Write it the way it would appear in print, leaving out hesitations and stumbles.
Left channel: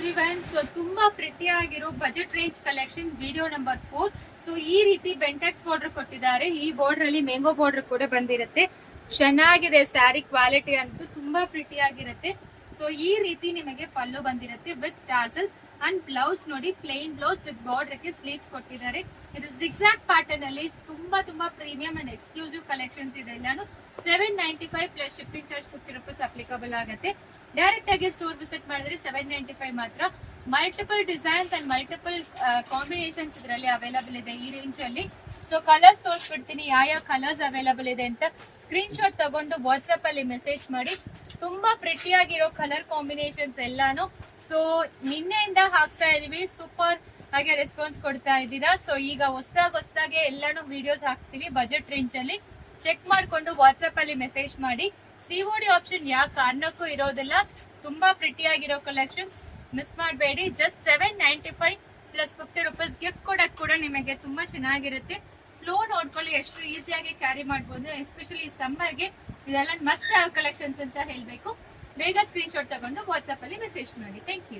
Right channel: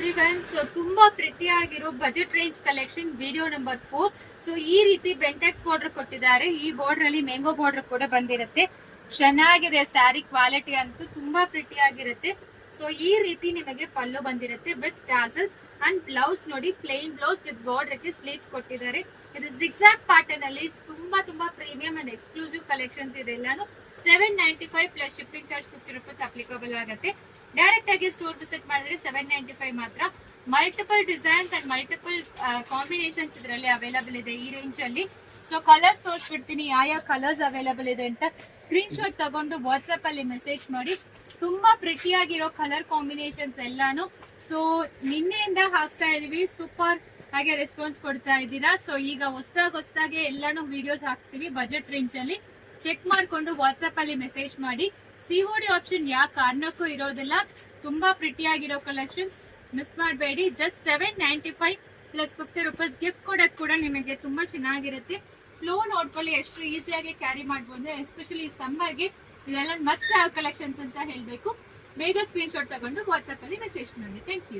Everyone. So ತುಂಬಾ pretty ಆಗಿರೋ budget range collection video number 4. So ಈ ರೀತಿ ಬೆಂಟೆಕ್ಸ್ ಬಾರ್ಡರ್ ಕೊಟ್ಟಿದ್ದಾರೆ. ಈ ಬಾರ್ಡರ್ ಅಲ್ಲಿ ಮ್ಯಾಂಗೋ ಬಾರ್ಡರ್ ಕೂಡ ಬಂದಿರುತ್ತೆ. ಚೆನ್ನಾಗಿದೆ ಸ್ಯಾರಿ ಕ್ವಾಲಿಟಿ ಅಂತೂ ತುಂಬಾ ಪ್ರಿಟಿ ಆಗಿರುತ್ತೆ. ಸೊ ಈ ರೀತಿ ನಿಮಗೆ ಪಲ್ಲು ಬಂದಿರುತ್ತೆ ವಿತ್ ಟಾಸಲ್ಸ್ ಅಂಡ್ ಬ್ಲೌಸ್ ನೋಡಿ ಪ್ಲೇನ್ ಬ್ಲೌಸ್ ವಿತ್ ಬಾರ್ಡರ್ ಗೆ ಸ್ಲೀವ್ಸ್ ಕೊಟ್ಟಿದ್ದಾರೆ. ಇದು ಜಿಗ್ಜಾಗ್ ಪ್ಯಾಟರ್ನ್ ಅಲ್ಲಿ ತುಂಬಾ ಪ್ರೀಮಿಯಂ ಅಂಡ್ ಎಕ್ಸ್ಕ್ಲೂಸಿವ್ ಕಲೆಕ್ಷನ್ಸ್ ಇದೆ. ಎಲ್ಲಾನು 795 plus shipping charge 50 rupees applicable ಆಗುತ್ತೆ. ಡೈರೆಕ್ಟ್ ಆಗಿ ಸ್ಟೋರ್ ವಿಸಿಟ್ ಮಾಡಿದ್ರೆ 795 ಮಾತ್ರ. Multiple designs and multiple combinations ಇದರಲ್ಲಿ ಅವೈಲಬಲ್ ಇದೆ ಈ ರೇಂಜ್ ಅಲ್ಲಿ. ಸೊ ಕಲರ್ಸ್ ತೋರಿಸ್ಬಿಡ್ತೀನಿ ಯಾವ ಕಲರ್ಸ್ ಅವೈಲಬಲ್ ಇದೆ ಅಂತ. ಸ್ಕ್ರೀನ್ ಶಾಟ್ ತಗೊಂಡು ವಾಟ್ಸ್ಆಪ್ ಅಲ್ಲಿ ಮೆಸೇಜ್ ಮಾಡಿ. ತುಂಬಾ ಪ್ರಿಟಿ ಆಗಿರೋ ಕಲರ್ ಕಾಂಬಿನೇಷನ್ಸ್ ಎಲ್ಲಾನು. ಸೊ ನಿನ್ನೆಯಿಂದ ಹಾಕ್ತಾ ಇದೀವಿ, ಸೂಪರ್ ಹಾಗೆ ರೆಸ್ಪಾನ್ಸ್ ಕೊಡ್ತಾ ಇದ್ದೀರಾ. ಸೊ ಈಗ ಹೊಸದಾಗೆ ಎಲ್ಲಾನು ವಿಡಿಯೋಸ್ ಹಾಕ್ತಿವಿ ಬಜೆಟ್ ರೇಂಜ್ ಅಲ್ಲಿ. ಚೆಕ್ ಮಾಡ್ಕೊಂಡು ವಾಟ್ಸ್ಆಪ್ ಅಲ್ಲಿ ಮೆಸೇಜ್ ಮಾಡಿ. ಸಿಒಡಿ ಆಪ್ಷನ್ ಯಾವ ಕಾರಣಕ್ಕೂ ಇರೋದಿಲ್ಲ. ತುಂಬಾ ಪ್ರಿಟಿ ಆಗಿರೋ ಕಲೆಕ್ಷನ್ಸ್ ಮಿಸ್ ಮಾಡಬೇಡಿ. ಜಸ್ಟ್ 795 ಪ್ಲಸ್ 50 ರೂಪೀಸ್ ಗಿಫ್ಟ್ ಕೊಡಕ್ ಕೂಡ ನಿಮಗೆ ತುಂಬಾ ಚೆನ್ನಾಗಿರುತ್ತೆ. ಫ್ಲೋ ನೋಡ್ಕೊಳ್ಳಿ, ಎಷ್ಟು ಈಸಿಯಾಗಿ ಕ್ಯಾರಿ ಮಾಡಬಹುದು. ಎಸ್ಪೆಷಲಿ ಈ ಸಮ್ಮರ್ಗೆ ಇದೆಲ್ಲ ಮಸ್ಟ್ ಕಲೆಕ್ಷನ್ಸ್ ಅಂತ ಹೇಳ್ಬೇಕು. ಬೇಗ ಸ್ಕ್ರೀನ್ ಶಾಟ್ ತಗೊಂಡು ವಾಟ್ಸ್ಆಪ್ ಅಲ್ಲಿ ಮೆಸೇಜ್ ಮಾಡಿ. Thank you.